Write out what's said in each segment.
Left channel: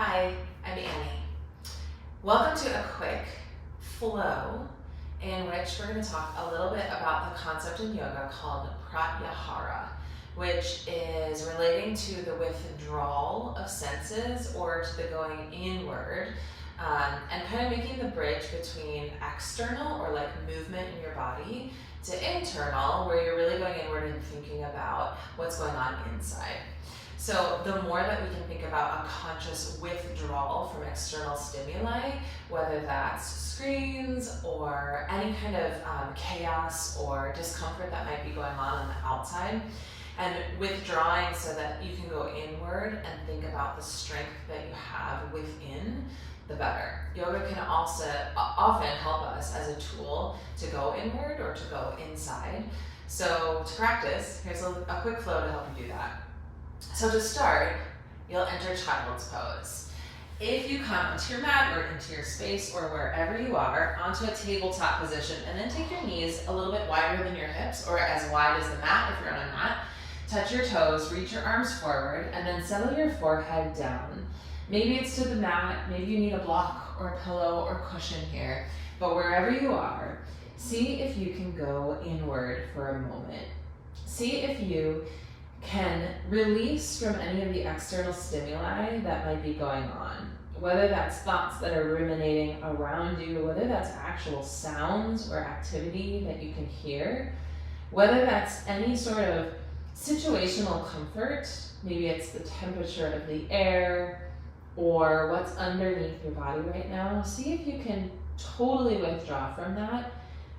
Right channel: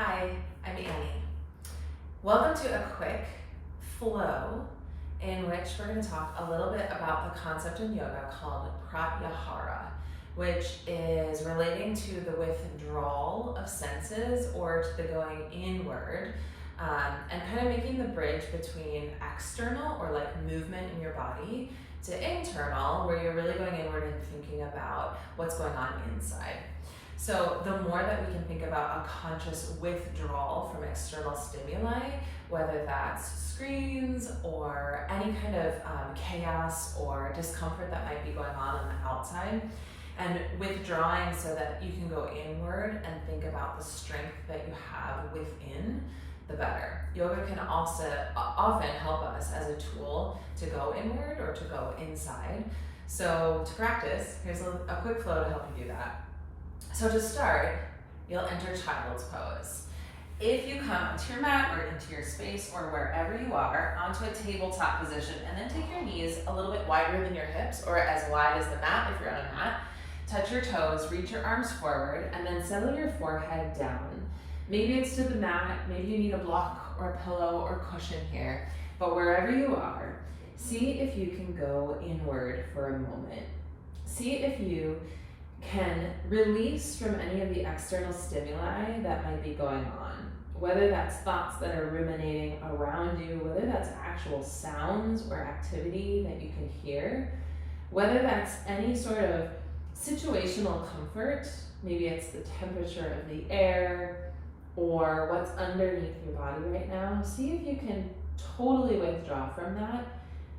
Hi, I'm Annie. Welcome to a quick flow in which we're going to talk a little bit about the concept in yoga called pratyahara, which is relating to the withdrawal of senses or to the going inward, and kind of making the bridge between external or like movement in your body to internal, where you're really going inward and thinking about what's going on inside. So the more that we can think about a conscious withdrawal from external stimuli, whether that's screens or any kind of chaos or discomfort that might be going on the outside, and withdrawing so that you can go inward and think about the strength that you have within, the better. Yoga can also often help us as a tool to go inward or to go inside. So to practice, here's a quick flow to help you do that. So to start, you'll enter child's pose. If you come into your mat or into your space or wherever you are, onto a tabletop position, and then take your knees a little bit wider than your hips or as wide as the mat if you're on a mat. Touch your toes, reach your arms forward, and then settle your forehead down. Maybe it's to the mat, maybe you need a block or a pillow or cushion here, but wherever you are, see if you can go inward for a moment. See if you can release from any of the external stimuli that might be going on, whether that's thoughts that are ruminating around you, whether that's actual sounds or activity that you can hear, whether that's any sort of situational comfort, maybe it's the temperature of the air or what's underneath your body right now. See if you can totally withdraw from that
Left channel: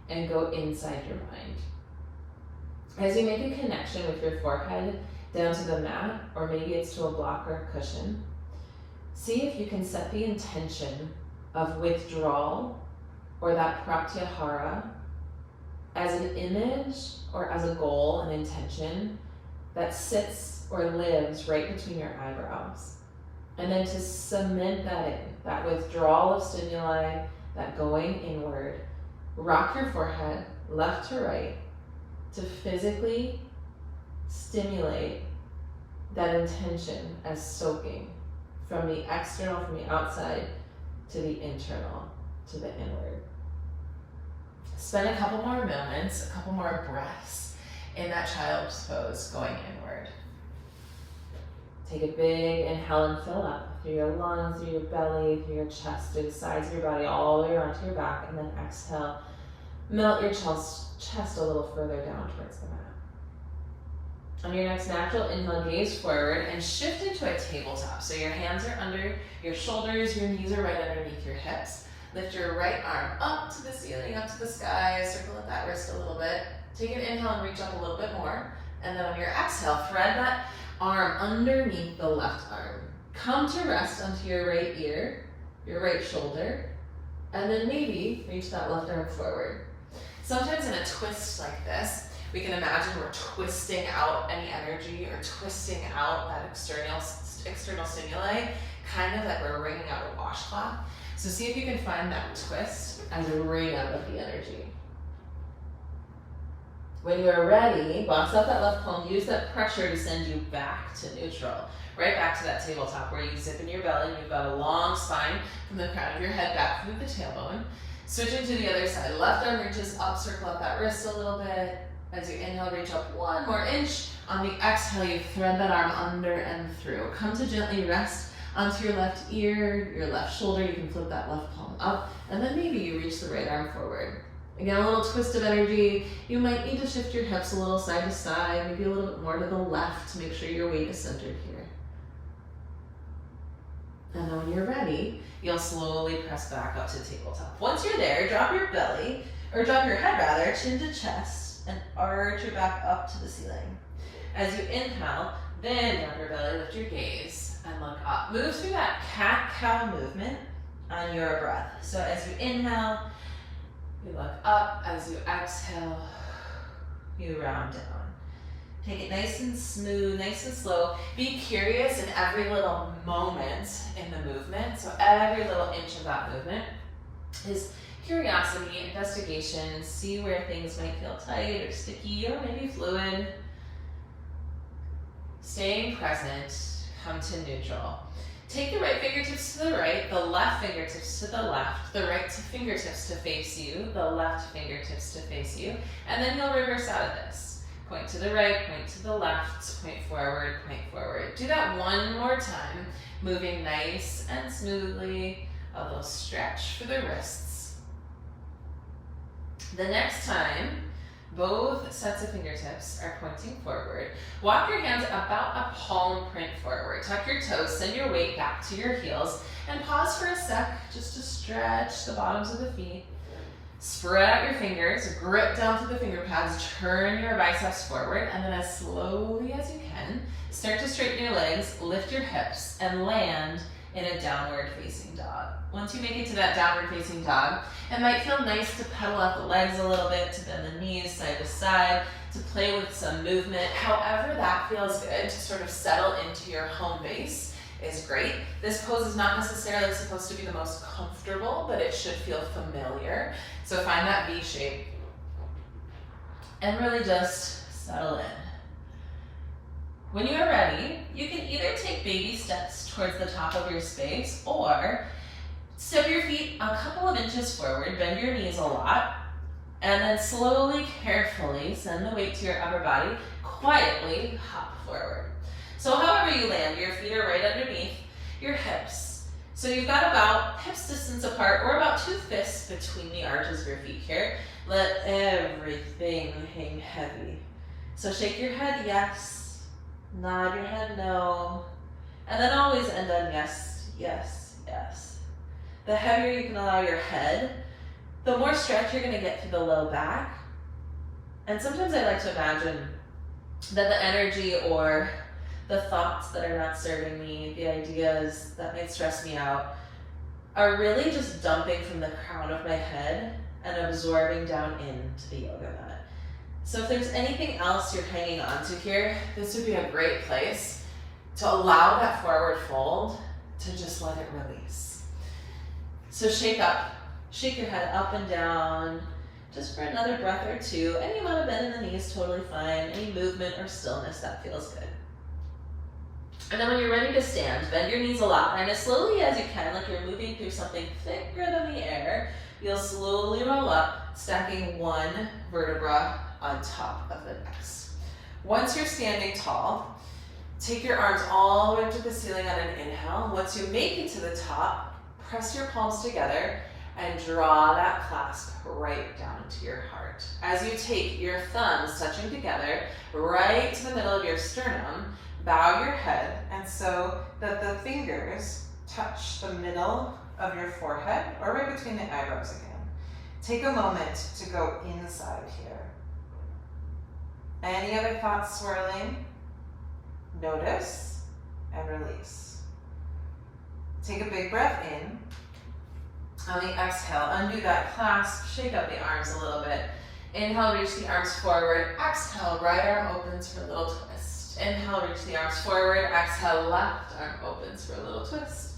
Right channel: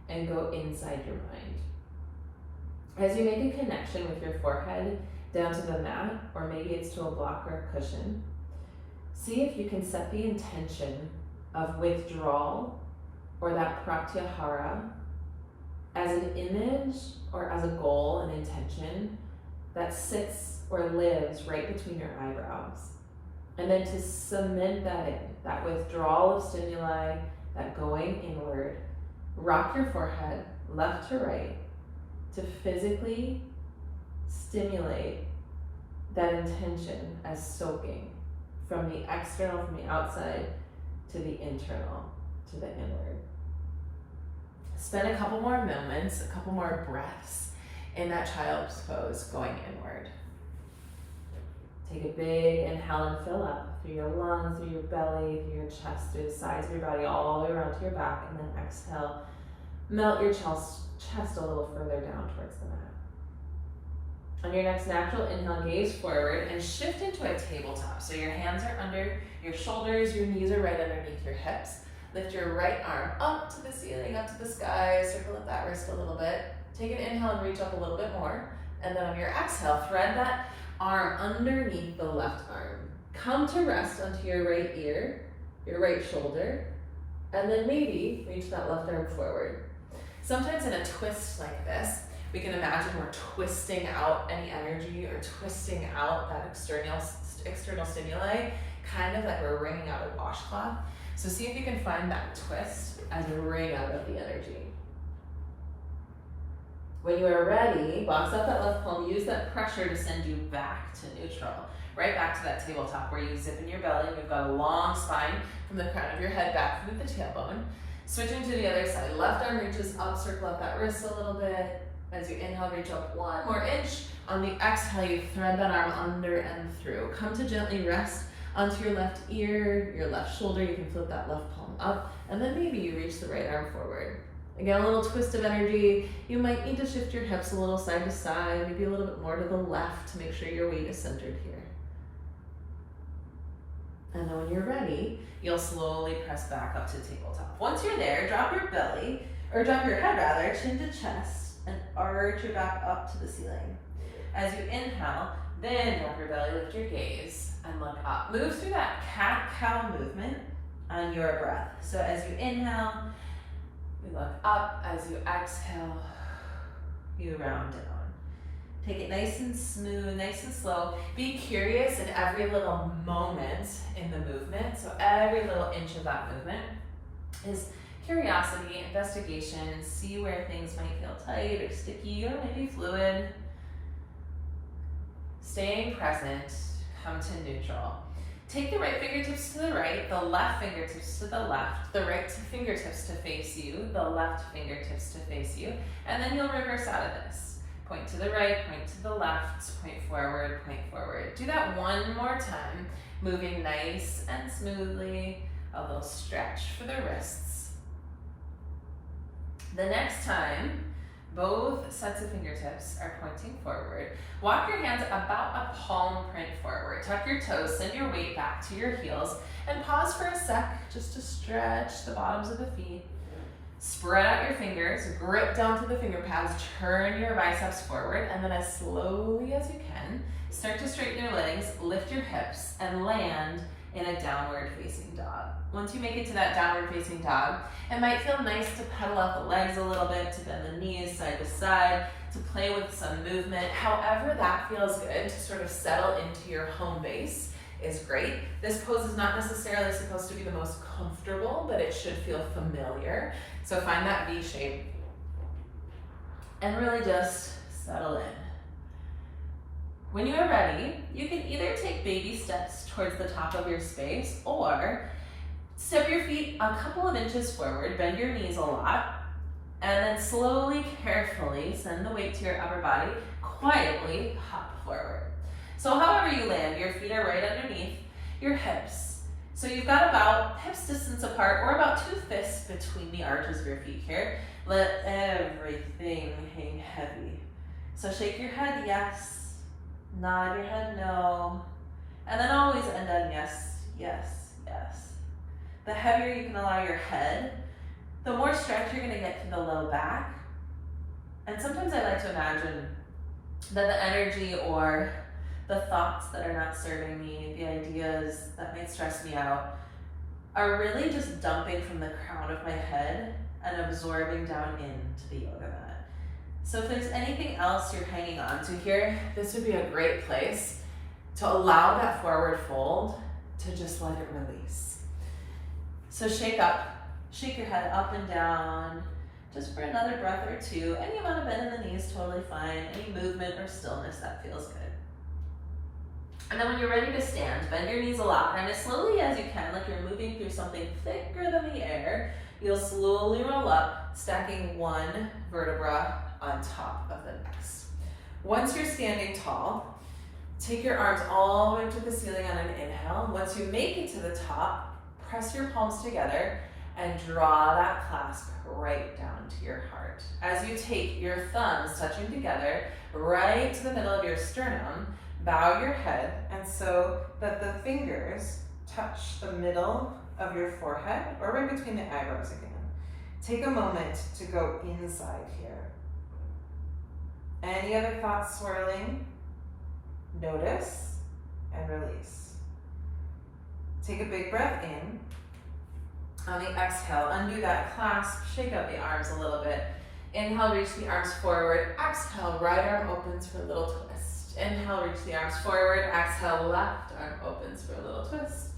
and go inside your mind. As you make a connection with your forehead down to the mat, or maybe it's to a block or a cushion, see if you can set the intention of withdrawal or that pratyahara as an image or as a goal, an intention that sits or lives right between your eyebrows. And then to cement that in, that withdrawal of stimuli, that going inward, rock your forehead left to right, to physically stimulate that intention as soaking from the external, from the outside, to the internal, to the inward. Spend a couple more moments, a couple more breaths in that child's pose going inward. Take a big inhale and fill up through your lungs, through your belly, through your chest, through the sides of your body, all the way around to your back, and then exhale. Melt your chest a little further down towards the mat. On your next natural inhale, gaze forward and shift into a tabletop. So your hands are under your shoulders, your knees are right underneath your hips. Lift your right arm up to the ceiling, up to the sky, circle at that wrist a little bit. Take an inhale and reach up a little bit more. And then on your exhale, thread that arm underneath the left arm. Come to rest onto your right ear, your right shoulder, and then maybe reach that left arm forward. Sometimes in a twist like this, we can imagine we're twisting out any energy or twisting out that external stimuli, kind of like we're wringing out a washcloth. So see if you can find that twist as a wring out of the energy. When you are ready, box up that left palm, use that pressure to send you back to neutral, right back to that tabletop where you zip in your belly, you've got a long spine from the crown of your head back through the tailbone. Switching to the other side, left arm reaches up, circle up that wrist a little bit. As you inhale, reach up 1 more inch. On the exhale, you thread that arm under and through. Come to gently rest onto your left ear, your left shoulder. You can flip that left palm up, and then maybe you reach the right arm forward. Again, a little twist of energy. You might need to shift your hips a little side to side, maybe a little bit more to the left to make sure your weight is centered here. And then when you're ready, you'll slowly press back up to tabletop. Once you're there, drop your belly, or drop your head rather, chin to chest, and arch your back up to the ceiling. As you inhale, then drop your belly, lift your gaze, and look up. Move through that cat-cow movement on your breath. So as you inhale, you look up. As you exhale, you round down. Take it nice and smooth, nice and slow. Be curious in every little moment in the movement. So every little inch of that movement is curiosity, investigation, see where things might feel tight or sticky or maybe fluid. Staying present, come to neutral. Take the right fingertips to the right, the left fingertips to the left, the right fingertips to face you, the left fingertips to face you, and then you'll reverse out of this. Point to the right, point to the left, point forward, point forward. Do that one more time, moving nice and smoothly, a little stretch for the wrists. The next time, both sets of fingertips are pointing forward. Walk your hands about a palm print forward. Tuck your toes, send your weight back to your heels, and pause for a sec just to stretch the bottoms of the feet. Spread out your fingers, grip down to the finger pads, turn your biceps forward, and then as slowly as you can, start to straighten your legs, lift your hips, and land in a downward facing dog. Once you make it to that downward facing dog, it might feel nice to pedal out the legs a little bit, to bend the knees side to side, to play with some movement. However that feels good to sort of settle into your home base is great. This pose is not necessarily supposed to be the most comfortable, but it should feel familiar. So find that V shape and really just settle in. When you are ready, you can either take baby steps towards the top of your space or step your feet a couple of inches forward, bend your knees a lot, and then slowly, carefully send the weight to your upper body, quietly hop forward. So however you land, your feet are right underneath your hips. So you've got about hips distance apart or about 2 fists between the arches of your feet here. Let everything hang heavy. So shake your head yes, nod your head no, and then always end on yes, yes, yes. The heavier you can allow your head, the more stretch you're going to get through the low back. And sometimes I like to imagine that the energy or the thoughts that are not serving me, the ideas that may stress me out, are really just dumping from the crown of my head and absorbing down into the yoga mat. So if there's anything else you're hanging on to here, this would be a great place to allow that forward fold to just let it release. So shake your head up and down, just for another breath or two. Any amount of bend in the knees, totally fine. Any movement or stillness, that feels good. And then when you're ready to stand, bend your knees a lot, and as slowly as you can, like you're moving through something thicker than the air, you'll slowly roll up, stacking one vertebra on top of the next. Once you're standing tall, take your arms all the way to the ceiling on an inhale. Once you make it to the top, press your palms together and draw that clasp right down to your heart. As you take your thumbs touching together right to the middle of your sternum, bow your head and so that the fingers touch the middle of your forehead or right between the eyebrows again. Take a moment to go inside here. Any other thoughts swirling? Notice and release. Take a big breath in. On the exhale, undo that clasp, shake up the arms a little bit. Inhale, reach the arms forward. Exhale, right arm opens for a little twist. Inhale, reach the arms forward. Exhale, left arm opens for a little twist.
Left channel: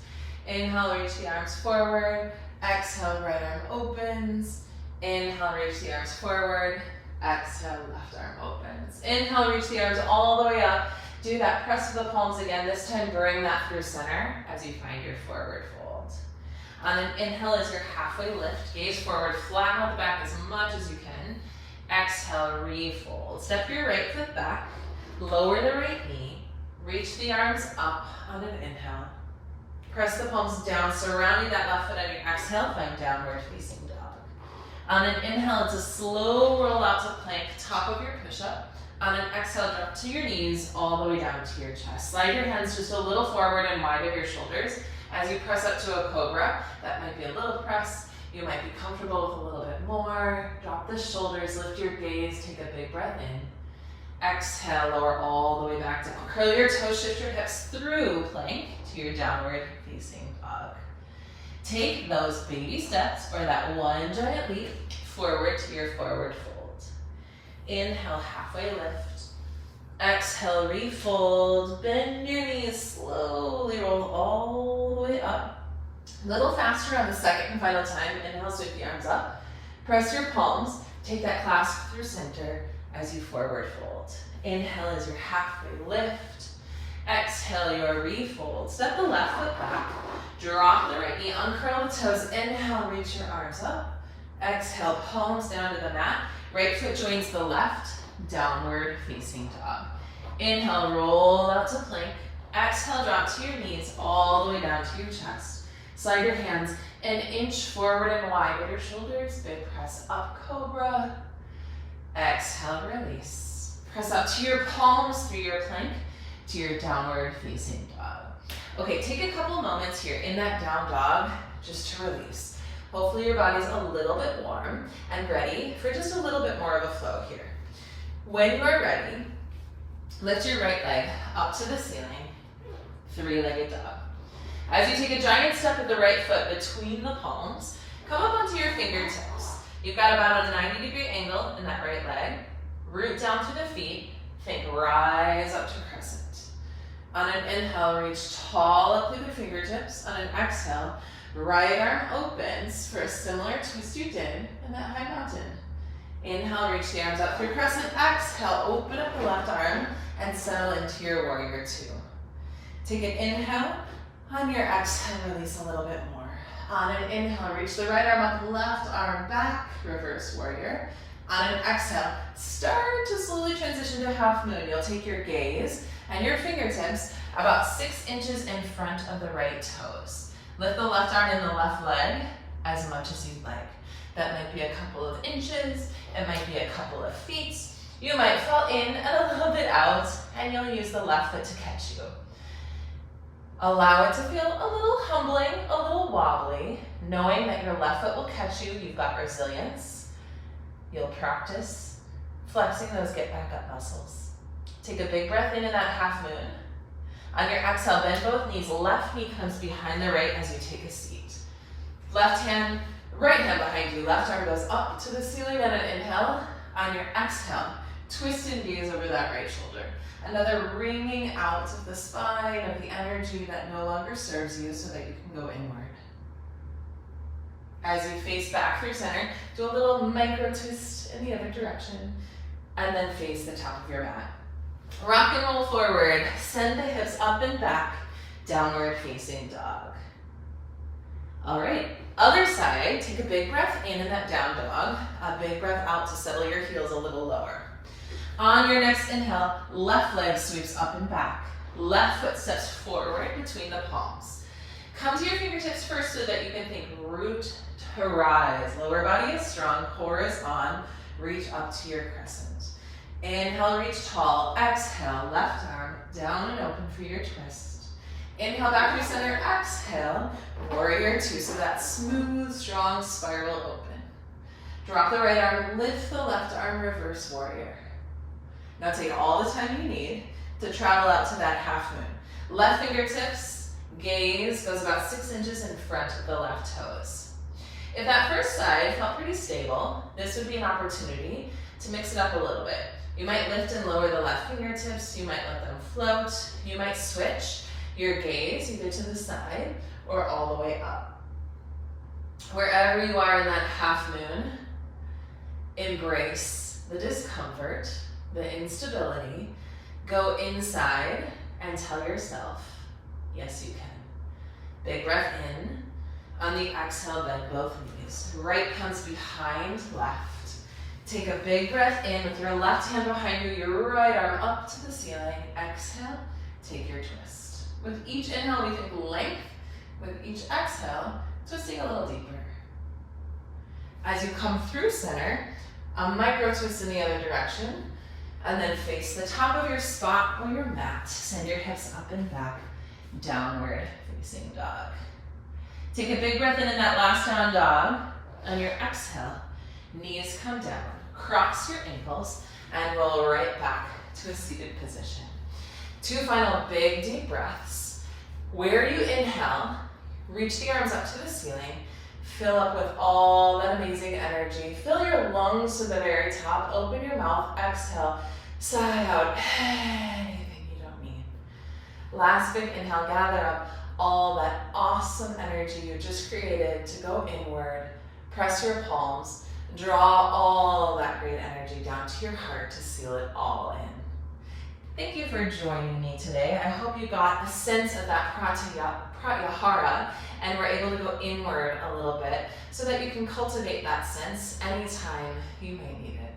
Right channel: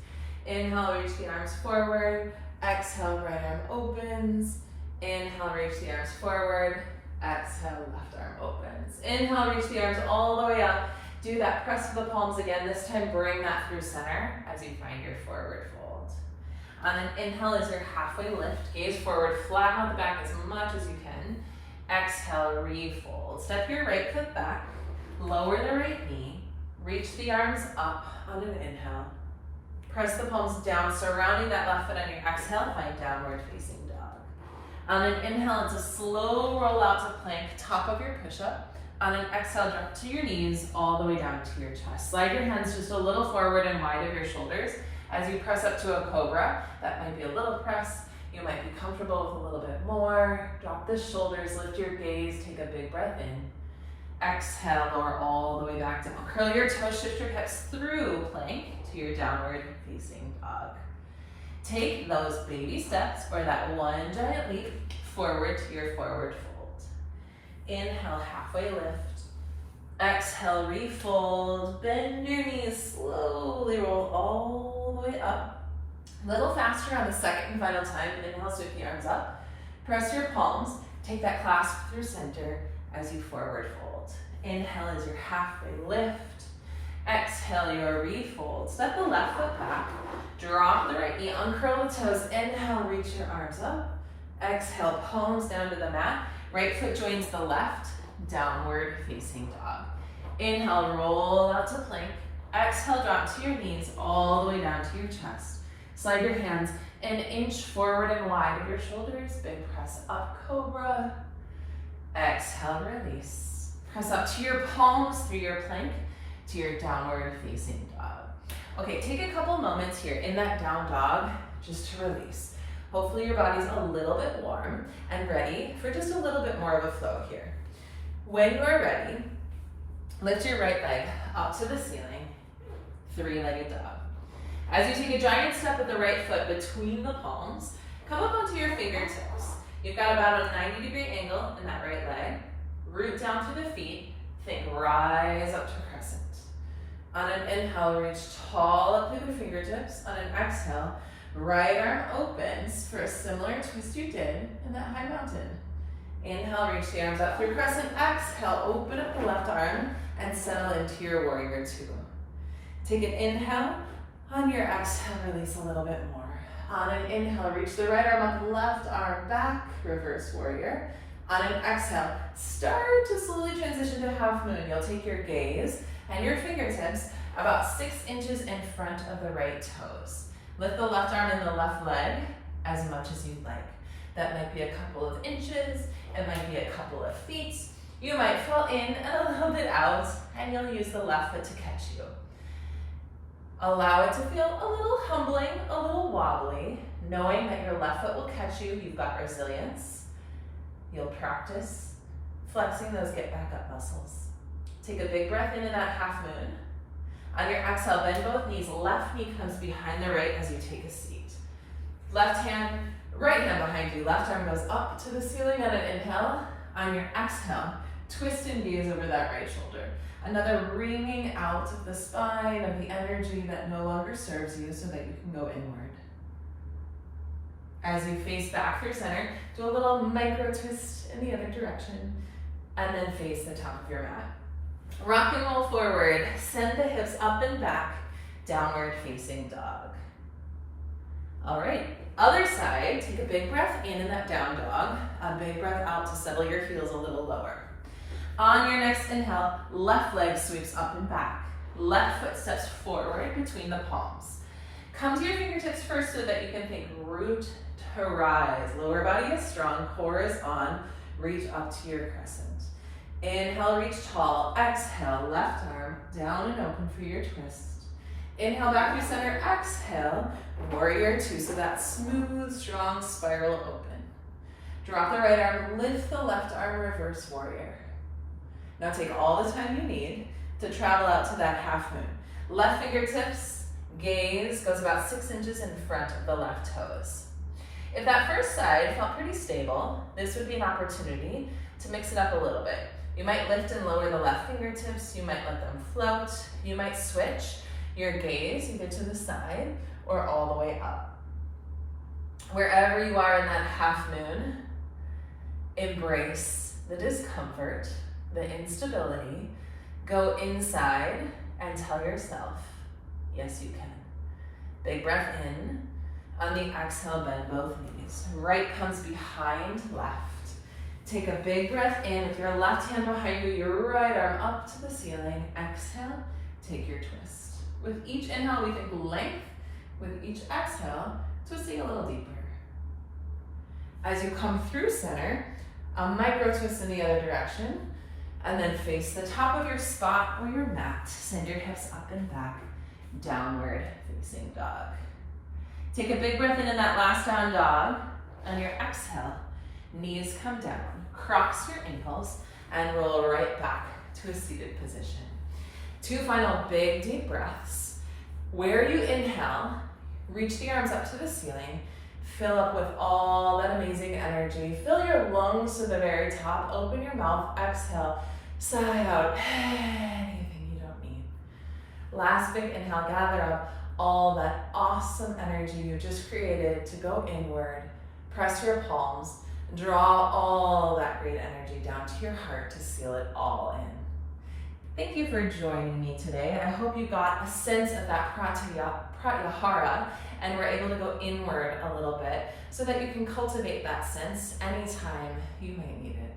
Inhale, reach the arms forward. Exhale, right arm opens. Inhale, reach the arms forward. Exhale, left arm opens. Inhale, reach the arms all the way up. Do that press of the palms again. This time, bring that through center as you find your forward fold. On an inhale is your halfway lift. Gaze forward, flatten out the back as much as you can. Exhale, refold. Step your right foot back. Lower the right knee. Reach the arms up on an inhale. Press the palms down, surrounding that left foot on your exhale. Find downward facing dog. On an inhale, it's a slow roll out to plank, top of your push-up. On an exhale, drop to your knees, all the way down to your chest. Slide your hands just a little forward and wide of your shoulders. As you press up to a cobra, that might be a little press. You might be comfortable with a little bit more. Drop the shoulders, lift your gaze, take a big breath in. Exhale, lower all the way back down. Curl your toes, shift your hips through plank to your downward facing dog. Take those baby steps, or that one giant leap, forward to your forward fold. Inhale, halfway lift. Exhale, refold. Bend your knees, slowly roll all the way up. A little faster on the second and final time. Inhale, sweep the arms up. Press your palms. Take that clasp through center as you forward fold. Inhale is your halfway lift. Exhale your refold. Step the left foot back. Drop the right knee, uncurl the toes. Inhale, reach your arms up. Exhale, palms down to the mat. Right foot joins the left, downward facing dog. Inhale, roll out to plank. Exhale, drop to your knees, all the way down to your chest. Slide your hands an inch forward and wide with your shoulders. Big press up, cobra. Exhale, release. Press up to your palms through your plank to your downward facing dog. Okay, take a couple moments here in that down dog just to release. Hopefully your body's a little bit warm and ready for just a little bit more of a flow here. When you are ready, lift your right leg up to the ceiling, three-legged dog. As you take a giant step with the right foot between the palms, come up onto your fingertips. You've got about a 90-degree angle in that right leg. Root down through the feet. Think rise up to crescent. On an inhale, reach tall up through the fingertips. On an exhale, right arm opens for a similar twist you did in that high mountain. Inhale, reach the arms up through crescent. Exhale, open up the left arm and settle into your warrior two. Take an inhale. On your exhale, release a little bit more. On an inhale, reach the right arm up, left arm back, reverse warrior. On an exhale, start to slowly transition to half moon. You'll take your gaze and your fingertips about 6 inches in front of the right toes. Lift the left arm and the left leg as much as you'd like. That might be a couple of inches, it might be a couple of feet. You might fall in and a little bit out, and you'll use the left foot to catch you. Allow it to feel a little humbling, a little wobbly, knowing that your left foot will catch you. You've got resilience. You'll practice flexing those get back up muscles. Take a big breath in that half moon. On your exhale, bend both knees. Left knee comes behind the right as you take a seat. Left hand, right hand behind you. Left arm goes up to the ceiling on an inhale. On your exhale, twist and gaze over that right shoulder. Another wringing out of the spine of the energy that no longer serves you so that you can go inward. As you face back through center, do a little micro twist in the other direction, and then face the top of your mat. Rock and roll forward, send the hips up and back, downward facing dog. All right, other side, take a big breath in that down dog, a big breath out to settle your heels a little lower. On your next inhale, left leg sweeps up and back. Left foot steps forward between the palms. Come to your fingertips first so that you can think root to rise. Lower body is strong, core is on. Reach up to your crescent. Inhale, reach tall. Exhale, left arm down and open for your twist. Inhale, back through center. Exhale, warrior two. So that smooth, strong spiral open. Drop the right arm, lift the left arm, reverse warrior. Now take all the time you need to travel out to that half moon. Left fingertips, gaze goes about 6 inches in front of the left toes. If that first side felt pretty stable, this would be an opportunity to mix it up a little bit. You might lift and lower the left fingertips, you might let them float, you might switch your gaze either to the side or all the way up. Wherever you are in that half moon, embrace the discomfort, the instability, go inside and tell yourself, yes you can. Big breath in. On the exhale, bend both knees. Right comes behind left. Take a big breath in with your left hand behind you, your right arm up to the ceiling. Exhale, take your twist. With each inhale, we think length. With each exhale, twisting a little deeper. As you come through center, a micro twist in the other direction. And then face the top of your spot or your mat. Send your hips up and back, downward facing dog. Take a big breath in that last down dog. On your exhale, knees come down, cross your ankles, and roll right back to a seated position. 2 final big deep breaths. Where you inhale, reach the arms up to the ceiling, fill up with all that amazing energy. Fill your lungs to the very top, open your mouth, exhale, sigh out anything you don't need. Last big inhale, gather up all that awesome energy you just created to go inward. Press your palms, draw all that great energy down to your heart to seal it all in. Thank you for joining me today. I hope you got a sense of that pratyahara and were able to go inward a little bit so that you can cultivate that sense anytime you may need it.